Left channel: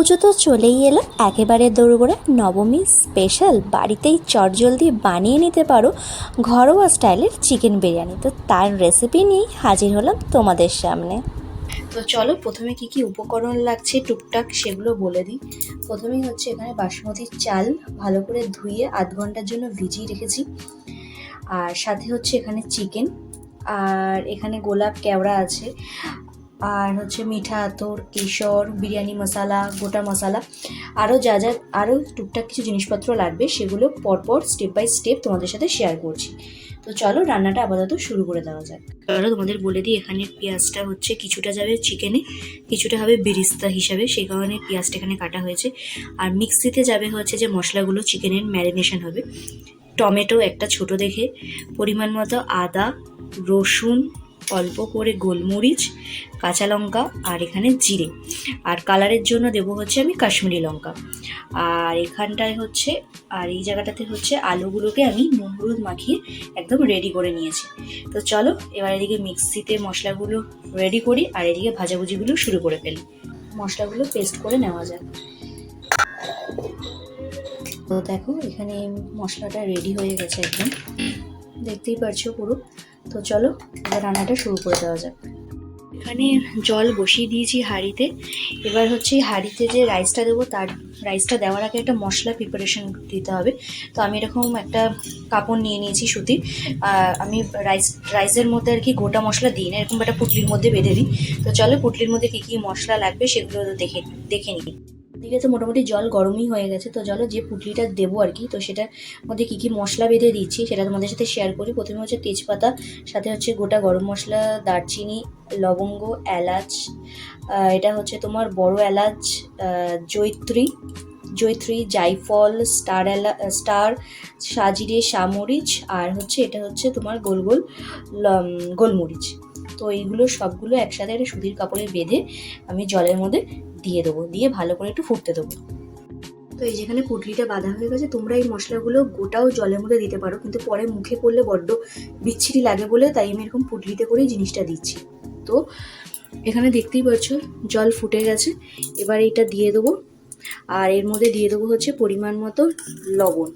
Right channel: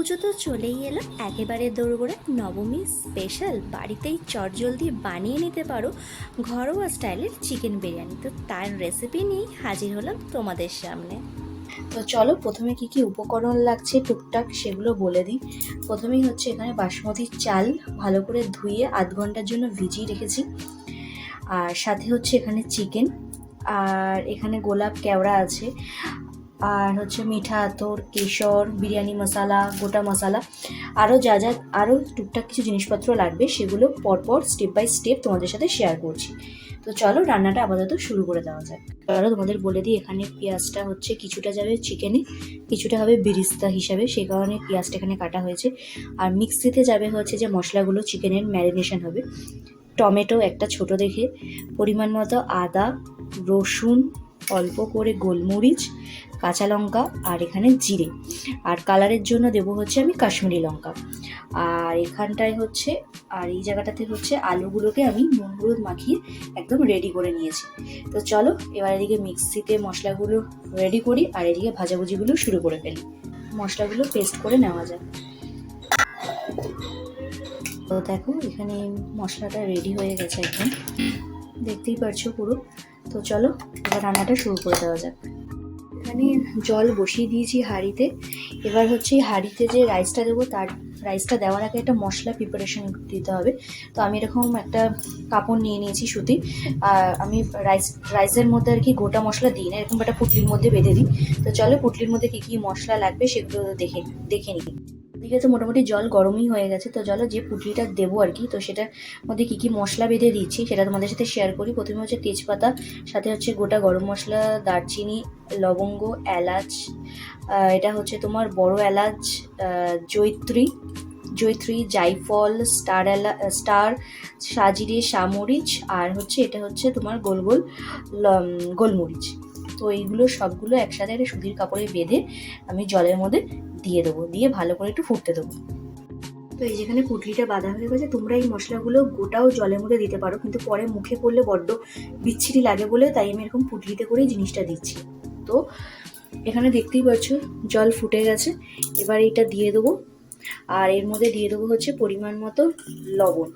পুজো তো চলেই এলো। একেবারে দৌড়গোড়া নবমী স্পেশাল বাড়িতেই চটজলদি বানিয়ে নিতে পারো ঘরোয়া স্টাইলের চিকেন বিরিয়ানি। তো তার রেসিপি নিয়েই হাজির হলাম তোমাদের সামনে। তো চলো প্রথমে কি কি উপকরণ লাগছে টুকটাক সেগুলো বলে দিই। প্রথমেই হচ্ছে এখানে বাসমতি চাল ভালো করে ধুয়ে আধ ঘণ্টার জন্য ভিজিয়ে রেখেছি। আর সাথে হচ্ছে এখানে চিকেন আর এখানে গোলাপ কেওড়া আছে। আর হচ্ছে মিঠা আতর, কেশর, বিরিয়ানি মশলা, গোটা মশলা। আরও যা যা আরও টুকটাক কিছু জিনিসপত্র লাগবে, সেগুলো পরপর স্টেপ বাই স্টেপ তোমাদের সাথে শেয়ার করছি। তো চলো রান্নাটা আপাতত শুরু করে দেওয়া যাক। তাহলে তোমাদের বলে দিই, এখানে পেঁয়াজটা হচ্ছে কিছুটা যাবে চিকেনে কিছুটা হবে বিরিস্তা হিসাবে সেই কারণে পেঁয়াজটা এখানে কাটা হয়েছে। আর মিক্সিতে যাবে হচ্ছে যে মশলাগুলো চিকেনের ম্যারিনেশন হবে। টমেটো একটা ছোট দেখে, পরিমাণ মতো আদা, রসুন অল্প করে গোলমরিচ, কাঁচা লঙ্কা আর এখানে জিরে। আর কালারের জন্য দেবো হচ্ছে আমি কাশ্মীরি লঙ্কা। আর এখানটায় হচ্ছে, আর এই জায়গাটাতে হচ্ছে আলুগুলোকে আমি নুন হলুদ মাখিয়ে একদম রেডি করে নিয়েছি। তো চলো, এবার এদিকে মিক্সিতে মশলাগুলো রেডি করি আর এদিকে ভাজাভুজিগুলো শুরু করে ফেলি। মশলাগুলো পেস্ট করে নেওয়া যাক। তো দেখো, এখানে মশলাটা রেডি হয়ে গেছে একদম। দেখতেই পারছ পুরো। তো চলো, এবার রান্নাটা শুরু করে দেওয়া যাক। এখানে জল বসিয়ে দিয়েছি হাঁড়িতে। এবার হচ্ছে হাঁড়িতে যে রাইসটা দেবো, তার রাইসটা দেওয়ার আগে একটা মশলা প্রিপারেশন দিতে হবে। তো আমি এরকম একটা কাপড় নিয়ে নিয়েছি সুতি। আমি রাইস রাইসের মধ্যে আর কি গোটা মশলা দিই না, এরকম একটা পুটলির মধ্যে বেঁধে দিই। তো চলো, পুটলির মধ্যে কী কী মশলা লাগবে সেগুলো দেখে দেখে নিই। ঠিক আছে মোটামুটি জল গরমই হয়ে গেছে। তো চলো যে পুটলিটা দেবো আর কি, তো সেটার মধ্যে কী কী মশলা বেঁধে দিচ্ছি সেটা তোমাদের সাথে শেয়ার করি। প্রথমে হচ্ছে তেজপাতা, সাথে হচ্ছে গোটা গরম মশলা, দারচিনি, লবঙ্গ, এলাচ এটা হচ্ছে তোমার বড় এলাচ জৈত্রী জৈত্রী জায়ফল স্টার এলা, স্টার, সাজিরে সামরিচ আর হচ্ছে এটা হচ্ছে তোমার গোল গোল গোলমরিচ। তো এইগুলো সবগুলো একসাথে একটা সুতির কাপড়ে বেঁধে আমি জলের মধ্যে দিয়ে দেবো, দিয়ে ভালো করে একটু ফুটতে দেবো। তো এই যেখানে পুটলিটা বাঁধা হয়ে গেছে, তোমরা এই মশলাগুলো গোটাও জলের মধ্যে দিতে পারো, কিন্তু পরে মুখে পড়লে বড্ড বিচ্ছিরি লাগে বলে, তাই আমি এরকম পুটলিতে করেই জিনিসটা দিচ্ছি। তো এখানে দেখতেই পাচ্ছ, জল ফুটে গেছে। এবার এইটা দিয়ে দেবো। আর এর মধ্যে দিয়ে দেবো হচ্ছে পরিমাণ মতো লবণ।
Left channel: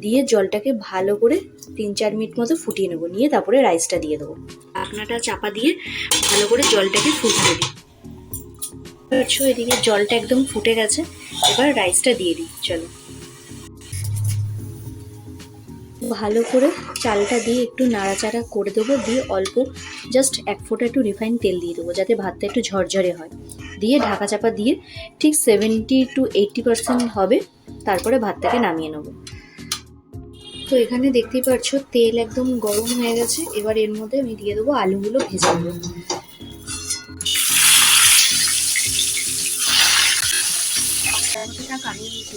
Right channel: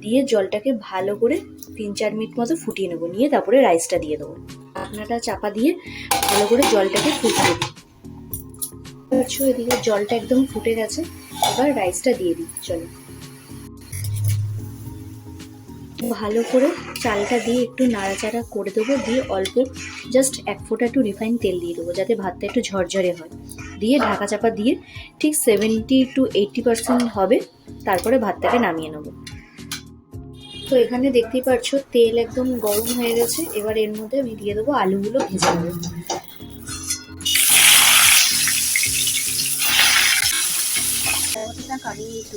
দিয়ে জলটাকে ভালো করে তিন চার মিনিট মতো ফুটিয়ে নেব। নিয়ে তারপরে রাইসটা দিয়ে দেবো। ঢাকনাটা চাপা দিয়ে ভালো করে জলটাকে ফুটিয়ে দিই এদিকে জলটা একদম ফুটে গেছে। এবার রাইসটা দিয়ে দিই। চলো। ভালো করে চালটা দিয়ে একটু নাড়াচাড়া করে দেবো। দিয়ে অল্প জাস্ট এক ফোঁটা একটু রিফাইন তেল দিয়ে দেবো যাতে ভাতটা একটু ঝরঝরে হয়। দিয়ে ঢাকা চাপা দিয়ে ঠিক সেভেন্টি টু এইটটি পার্সেন্ট হবে। তারপরে ভাতটাকে নামিয়ে নেব। তো এখানে দেখতেই পাচ্ছ তেল একদম গরম হয়ে গেছে। এবার এর মধ্যে আমি দিয়ে দেবো আলুগুলো ভেজে নেব।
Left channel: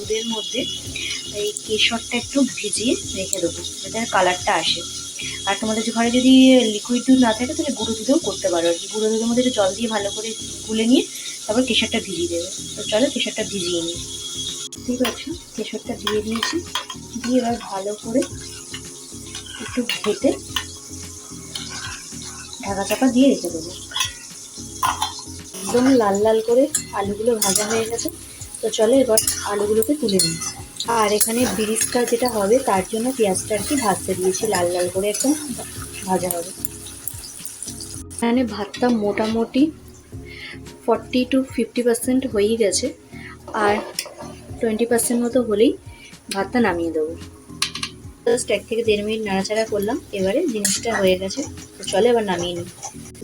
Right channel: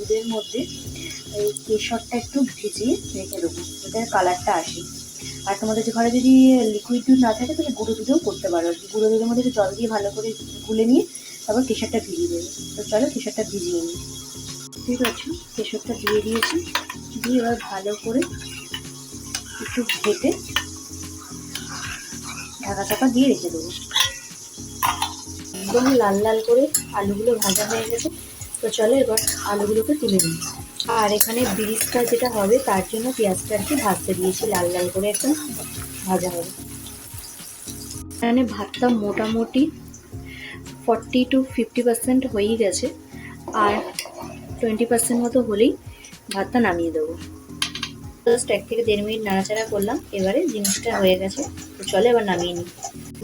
দুধের মধ্যে এই কেশরটা একটু ভিজিয়ে রেখে দেবো, যাতে কালারটা আসে। আর তোমাদের ঘরে যদি লিকুইড দুধ না থাকে, তাহলে গুঁড়ো দুধেও করতে পারো। আর কি গুঁড়ো দুধের মধ্যে জল দিয়ে ভালো করে গুলে নিয়ে তারপর কেশরটা ভিজিয়ে দেবে। তো চলো কেশরটা ভিজিয়ে নিই। ঠিক আছে কেশরটা দিয়ে দিয়েছি। দিয়ে এবার ভালো করে একটু ঘেটে ঢাকা চাপা দিয়ে রেখে দেবো। একদম লাল লাল করে আলুগুলো ভাজা হয়ে গেছে। তো চলো এবার আলুগুলোকে তুলে নিই। আর এখানে বিরিস্তা যেটা হবে, তার জন্য পেঁয়াজটা আর কি ভাজতে দিয়েছি, লাল লাল করে একদম ভাজা হবে। এখানে ভাতটা মোটামুটি ফর্টি টু ফিফটি পার্সেন্ট হয়েই গেছে, আর টোয়েন্টি পার্সেন্ট মতো হলেই ভাতটা নামিয়ে দেবো। জাস্ট এক থেকে দেড় মিনিট নাড়াচাড়া করলাম, এবারে জিনিসটা হয়ে গেছে চলে এবার নামিয়ে নিই।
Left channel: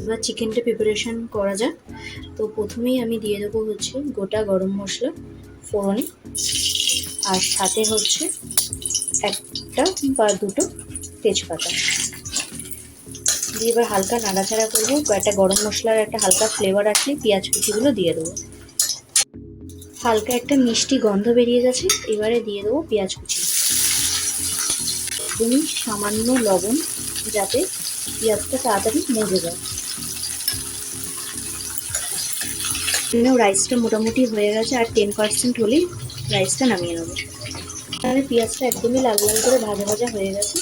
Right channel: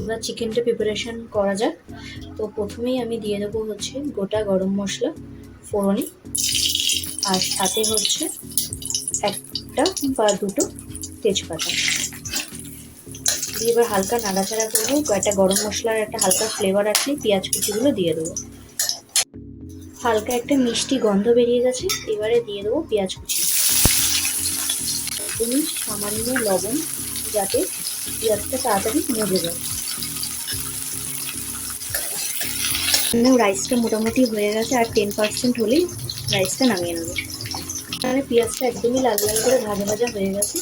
এবার চিকেনটা প্রিপারেশন করা যাক। তো প্রথমেই আমি দিয়ে দেবো হচ্ছে গোটা গরম মশলা, ফোড়নে, আর সাথে হচ্ছে একটা বা দুটো তেজপাতা। দিয়ে এবার হালকা নাড়াচাড়া করব, একটা গরম মশলার একটা হালকা ফ্লেভার আসলে পেঁয়াজ কুচিগুলো দিয়ে দেবো। হালকা একটা মিষ্টি গন্ধ বেরিয়ে গেছে, এবারে দিয়ে দেবো পেঁয়াজ কুচি। সামান্য লবণ যাতে পেঁয়াজটা তাড়াতাড়ি মজে যায় এমনিও রাইসটা মোটামুটি হয়ে গেছে আর টেন পার্সেন্ট হলেই রাইসটা নামিয়ে নেব। তাহলে পেঁয়াজটা একদমই লাল করে ভাজা ভাজা হয়ে গেছে।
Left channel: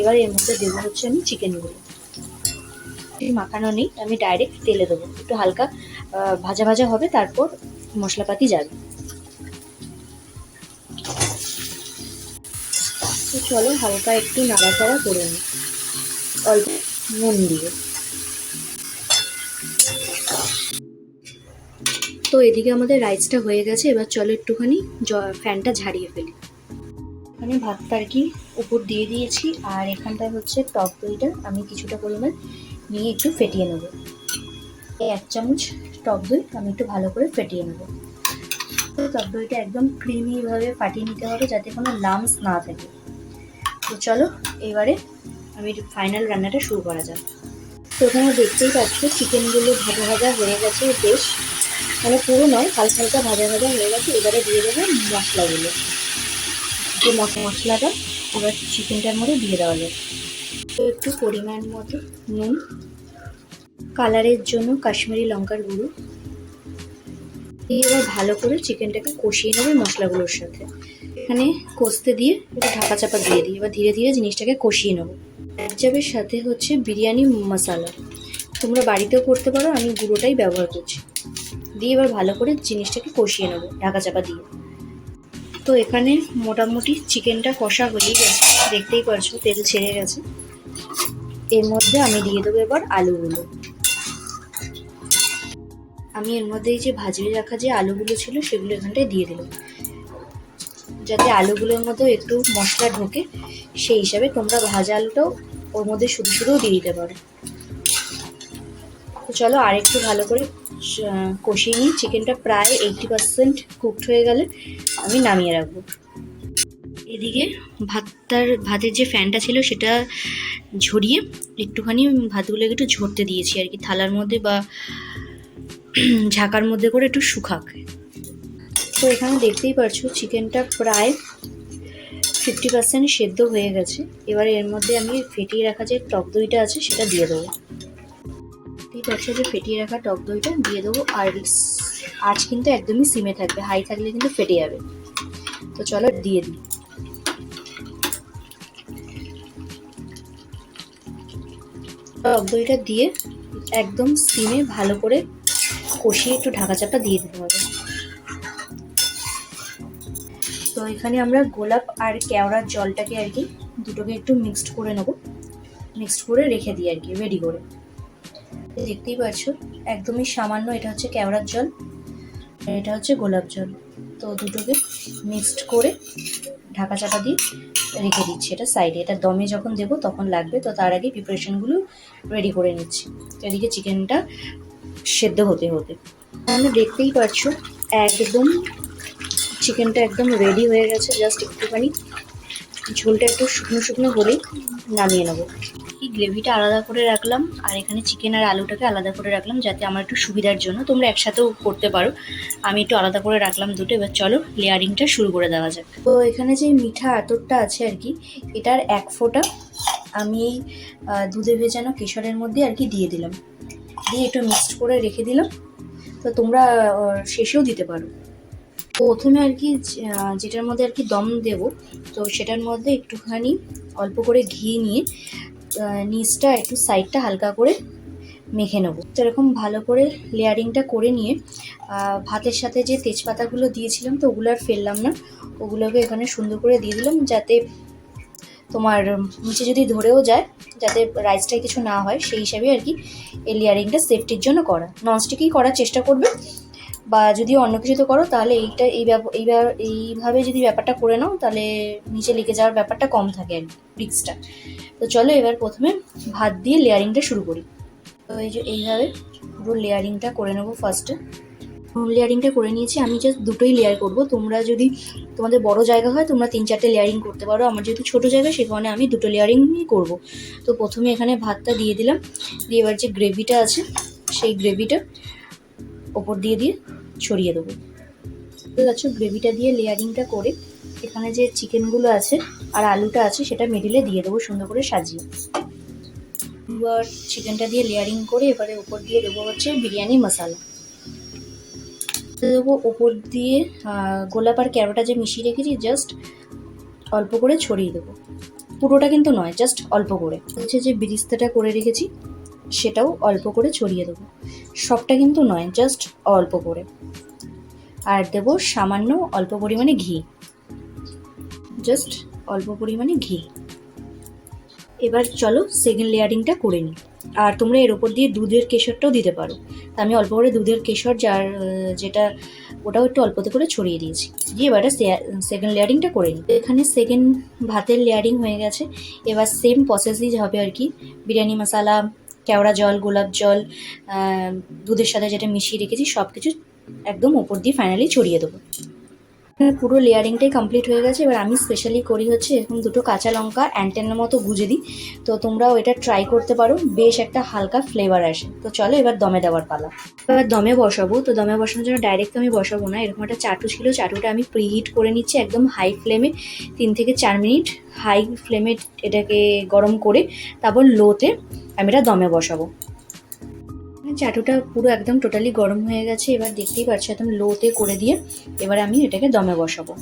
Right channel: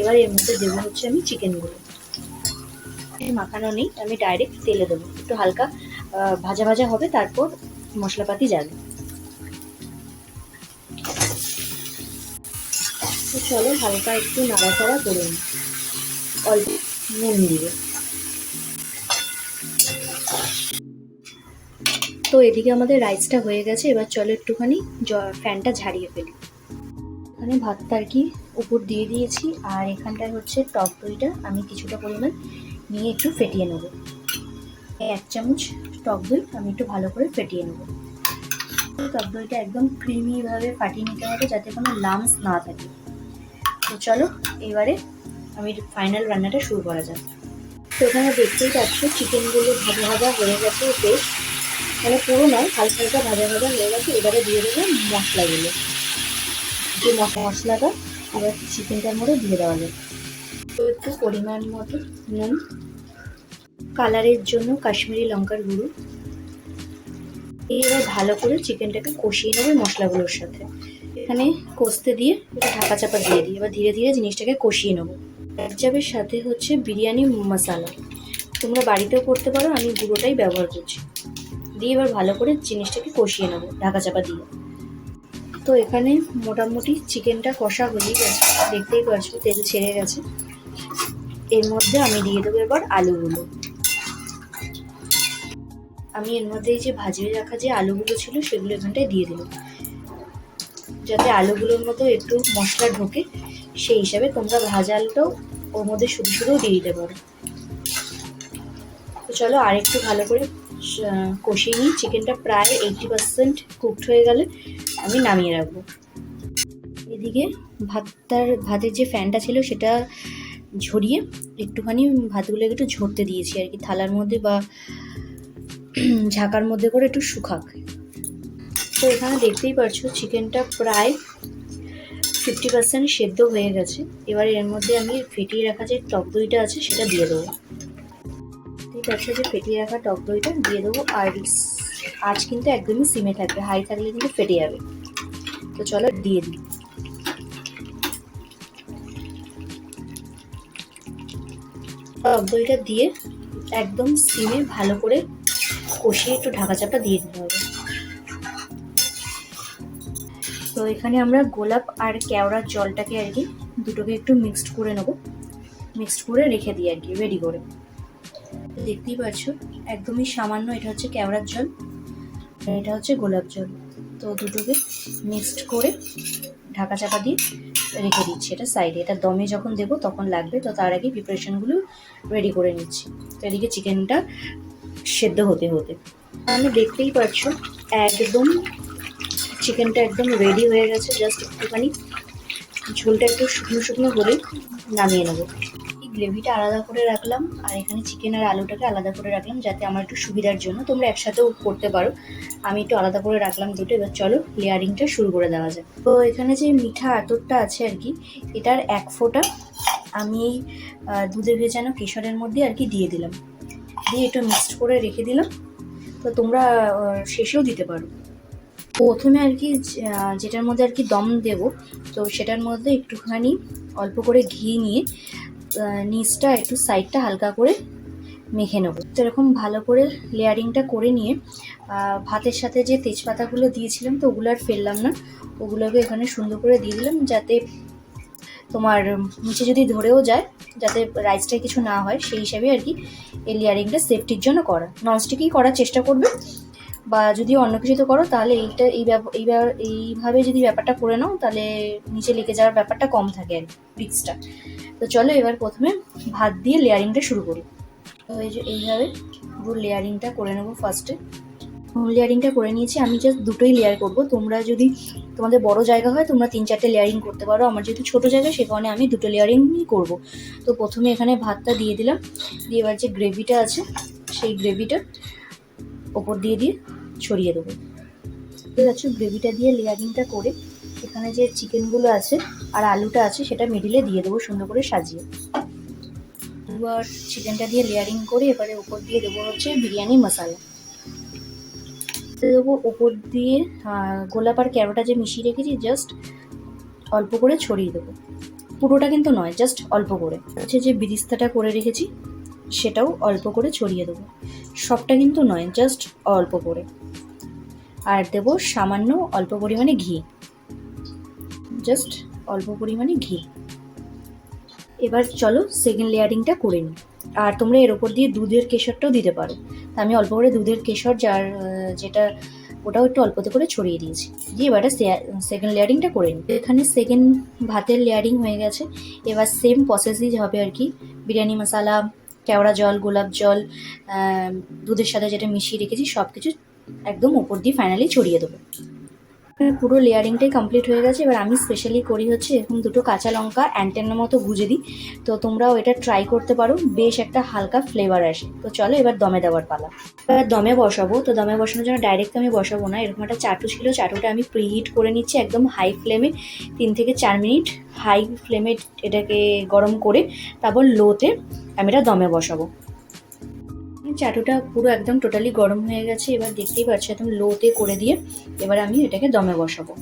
এবার এর মধ্যে দেবো হচ্ছে আমি চিকেনগুলো মাখানো নেই, আমি ডাইরেক্ট তেলে দেবো। একটু হালকা ভাজা ভাজা হবে, তারপর মশলাপাতি যাবে। চলো হালকা একটু নাড়াচাড়া করে নিই। অল্প নুন দিয়ে তো এদিকে আমাদের রাইসটা হয়ে গেছে, এবার চলো একটুখানি ফ্যানটা ঝাড়িয়ে ফেলি। এখানে ভাতটা আর কি উপর দিয়ে দিয়েছি, আর এখানটায় হচ্ছে টক দইটা, আমি কিছুটা পরিমাণ নিয়ে একটু ফেটিয়ে নেব। এই এক চামচ টক দই আমি একটু ভালো করে ফেটিয়ে নেব। তো টক দইটা একদম ক্রিমিভাবে ফাটিয়ে নিতে হবে যাতে কোনো লামস না থাকে। তো চলো, এবারে আমি ফাইনাল রান্নাটা শুরু করা যাক। তো এখানে দেখতেই পাচ্ছ চিকেনগুলো ভাজা ভাজা হয়ে গেছে বেশ। মানে পুরো নয় হালকা হালকা ভাজা ভাজা হয়ে গেছে, এবারে দিয়ে দেবো মশলাগুলো। যে মশ- মশলাটা আমরা চিকেনটার মধ্যে দিয়ে দেওয়া যাবে তো একটু পরিমাণ মতো নুন, কালারের জন্য কাশ্মীরি লঙ্কার গুঁড়ো। দিয়ে এবার ভালো করে চিকেনটাকে কষিয়ে নেবে মশলাগুলোর সাথে। এখানে কষতে দিয়ে ঢাকা চাপা দিয়ে দিই। এবার ধীরে ধীরে জিনিসটাকে কষিয়ে নেব। এক চাপের সাথে হচ্ছে বিরিয়ানি মশলা। তোমরা বাড়িতেও করতে পারো, আমি গুঁড়োটাই ব্যবহার করছি। দিয়ে এবার ভালো করে জিনিসটাকে কষিয়ে নেব, ঢাকা চাপা দিয়ে। তো এখানে মোটামুটি চিকেনটা কষা হয়েই গেছে, দেখতেই পারছ, তেল ছেড়ে গেছে। এর মধ্যে আমি দিয়ে দেবো এবার আলুগুলো। আমি এর মধ্যে এই যে ভাজিয়ে রাখা যে আলুগুলো ছিল, সেগুলো এখানটায় দিয়ে দিলাম। যাতে আলুগুলোর মধ্যে একটু মশলা ঢোকে, সেই হিসেবে তোমরা ভাজা আলুটাও ওর মধ্যে শুধু শুধুও দিয়ে দিতে পারো। তো চলো আর একটু ভালো করে কষিয়ে নিই। চিকেনটা প্রায় এইটটি পার্সেন্ট কুকড হয়ে গেলে আমি নামিয়ে রাখব। এদিকে ভাতটার, ভাতের যে ফ্যানটা ছিল সেটা ঝরিয়ে একটুখানি ভাতগুলোকে একটু ঝরতে দিয়েছি আর কি। থালার মধ্যে বা ঝাঁকার মধ্যে করে একটু শুকাক। তো এখানে দেখতেই পারছ চিকেনটা প্রায় ফিফটি পার্সেন্ট সেদ্ধ হয়ে গেছে। এবার এর মধ্যে আমি ফেটিয়ে রাখা যে টক দইটা আছে সেটা দিয়ে দেবো। ঠিক আছে যে ফেটিয়ে রাখা টক দইটা দিয়ে দেবো আর আজ কিন্তু একদমই সিমে থাকবে, হাই থাকলে কিন্তু ফেটে যাবে। তো চলো দিয়ে দিই। টক দইটা দিয়ে একদম সিমে ভালো করে কষিয়ে একটু ঢাকা চাপা দিয়ে দিতে এখানে আমরা গোলাপ আর কেওড়ার জলটাকে আর কি দুটোকে একটু মিক্সড করে নেব। মিক্সড করে রেখে দিই আর কি রেডি করে। দেখতেই পাচ্ছ, একদমই সামান্য এটা হচ্ছে কেওড়ার জল আর এটা হচ্ছে গোলাপ জল। তো দুটোকে মিক্সড করে ঢাকা চাপা দিয়ে রেখে দিচ্ছি এটা সাইডে এটা দমে যখন দেবো তখন লাগবে, তো তার আগে প্রিপারেশনগুলো রেডি করে নিচ্ছি। এদিকে চিকেনটা সেদ্ধ হতে হতে। তাহলে দেখতেই পাচ্ছ, একদম চিকেনটা একদম রেডি হয়ে গেছে জাস্ট একটুখানি। ঝোলটা একটু শুকনো শুকনো হলে নামিয়ে নেব। এই গ্রেভিটা আলাদা করে রাখলাম, আর এখানে চিকেন আর আলুটাকে আলাদা করে রাখলাম, যাতে আমার একটু সুবিধার জন্য। তোমরা একসাথেও করতে পারো। আমি একটু আলাদা করে রাখলাম দুটো, এবার চলো লেয়ারিংটা শুরু করে দেওয়া যাক। তো এখানে যে মিঠা আতরটা আছে আর কি, এটার এক ফোঁটা আমি দুধে ভেজানো কেশরের মধ্যে আর কি দিয়ে দিলাম। দিয়ে একটু মিক্সড করে রেখে দিলাম। তো তোমরা শেষেও দিতে পারো। প্রথমে আর কি যেটার মধ্যে আর কি দম দেব, তো সেটার মধ্যে একটুখানি অল্প করে ঘি নিয়ে নিচটা একটু সাইডটা হালকা করে মেখে নেব। এরকম ভালো করে লেয়ারিংটা করে নিয়ে ভাতের সাথে যে তেজপাতাগুলো দিয়েছিলাম তো ওগুলো আর ফেললাম না, ওগুলোকে এখানে সুন্দর করে দিয়ে দিলাম যাতে তোমার নিচে যদি ধরেও যায়, যাতে রাইসটা কিছু না হয়, সেই হিসাবে আর কি এই লেয়ারিংটা সেফটির জন্য করা। ননস্টিকই করার চেষ্টা করবে বা যদি অন্য কিছুতে করো, তাহলে এইটা, এই ব্যব- এই এইভাবে যদি ব্যাপারটা করে নাও, তাহলে নিচে লেগে যাওয়ার ব্যাপারটা কম থাকে আর রিক্সটা তো চলো এবার প্রথমে ভাত দিয়ে লেয়ারিংটা শুরু করি। তো এই যে এইভাবে পুরো লেয়ারিংটা করে নেব ফার্স্টে লেয়ারিংটা করে নিয়েছি, আমি জাস্ট দুটোই লেয়ার করব। তোমরা যদি, তোমাদের বড় জায়গা হয়, তোমরা তিন চারটে লেয়ারিং করতে পারো। আমার যেহেতু ছোটো জায়গা, সে কারণে আমি দুটো লেয়ারিংই করব। তো প্রথমে এখানে ভাতটা দিয়ে দিলাম। দিয়ে এবার যে গ্রেভিটা আছে, সেই গ্রেভিটা ওপর দিয়ে দিয়ে ছড়িয়ে দেবো। ঠিক আছে গ্রেভিটা দিয়ে লেয়ারিংটা করে এখানে যে চিকেনগুলো আছে আর আলুটা আছে, সেটা মিডিলে দিয়ে দেবো, সুন্দর করে সাজিয়ে। এবার চিকেনটা দিয়ে লেয়ারিং করে এবারে উপর দিয়ে দেবো হচ্ছে বিরিয়ানি মশলা। দেবো ওপর দিয়ে গোলাপ আর ক্যারোটা যে মিশিয়ে রেখেছি জাস্ট অল্প করে ছড়িয়ে দেবো। পুরোটা কিন্তু নয় জাস্ট অল্প করে। হচ্ছে যে বিরিস্তাটা করে রেখেছি সেটাও অল্প করে ছড়িয়ে দেবো। সবটা কিন্তু নয় জাস্ট অল্প করে। আর দেবো সামান্য অল্প পরিমাণে ঘি। জাস্ট অল্প পরিমাণে ঘি। এবার চলো সেকেন্ড লেয়ারিংটা করে নিই। আর তোমরা এর ওপর দিয়ে দুধের কেশরটাও দিতে পারো। তা আমি অল্প করে দুধের কেশর যার যেটা, ওটাও একটু অল্পতে করে ছড়িয়ে দিয়েছি। দিয়ে এবারে সেকেন্ড লেয়ারিংটা করে নিই। এখানে সেকেন্ড ভাতের লেয়ারিং হয়ে গেছে। এবার সেম প্রসেসই হবে আর কি। বিরিয়ানি মশলা কেওড়া জল, গোলাপ জল দুধের সাথে যেটা মিশিয়ে রেখেছি সব কিছু একদম উপর দিয়ে ফাইনালি ছড়িয়ে দেবো। পুরো লেয়ারিংটাই কমপ্লিট হয়ে গেছে। এবার আমি স্পেশালি করি হচ্ছে এরকম দুটো কাঁচা লঙ্কা অ্যান্টেনের মতো গুজে দিই। তো তোমরাও এটা ট্রাই করতে পারো। বেশ একটা হালকা ফ্লেভার আসে। তো চলো এবার দমে দেওয়ার পালা। এবার দমে বসাবো। তো দমে বসানোর জন্য ডাইরেক্ট আমি বসাবো না। এরকম একটা চাটু ছিল। চাটুটা আমি প্রিহিট করে নিচ্ছি একদম হাই ফ্লেমে তিন থেকে চার মিনিট হাই ফ্লেমে এটাকে গরম করে তারপর লোতে আমি এটা দমে বসাবো। চাটুটা পুরো একদম টোটালি গরম হয়ে গেছে, এবার দেখতেই পাচ্ছি একদম লোতে করে দিয়ে এবার আমি এটাকে দমে বসাবো।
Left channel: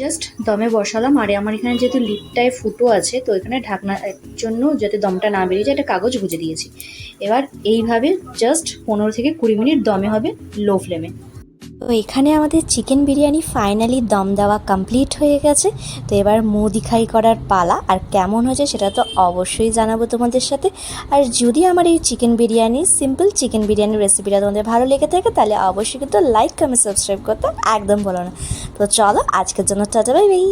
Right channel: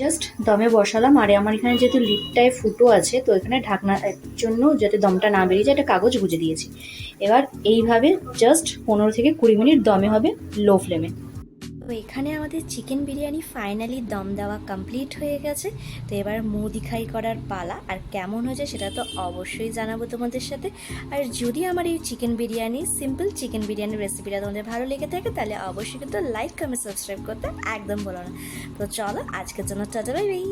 জাস্ট দমে বসালাম, আর আমার এখানে যেহেতু লিডটায় ফুটো আছে, তো এখানে ঢাকনার জন্য যাতে দমটা না বেরিয়ে যায়, একটা কাগজ গুঁজে দিয়েছি। এবার এইভাবে জাস্ট পনেরো থেকে কুড়ি মিনিট দমে হবে লো ফ্লেমে তো এখানে আমাদের চিকেন বিরিয়ানি ফাইনালি দম দেওয়া কমপ্লিট হয়ে গেছে। তো এবার মুদি খাই করার পালা, আর কেমন হয়েছে সেটা তো অবশ্যই জানাব তোমাদের সাথে। আর যদি আমার এই চিকেন বিরিয়ানি সিম্পল চিকেন বিরিয়ানির রেসিপিটা তোমাদের ভালো লেগে থাকে, তাহলে অবশ্যই কিন্তু লাইক কমেন্ট সাবস্ক্রাইব করতে একদম বলো না। তো চলো, আজকের জন্য টাটা বাই বাই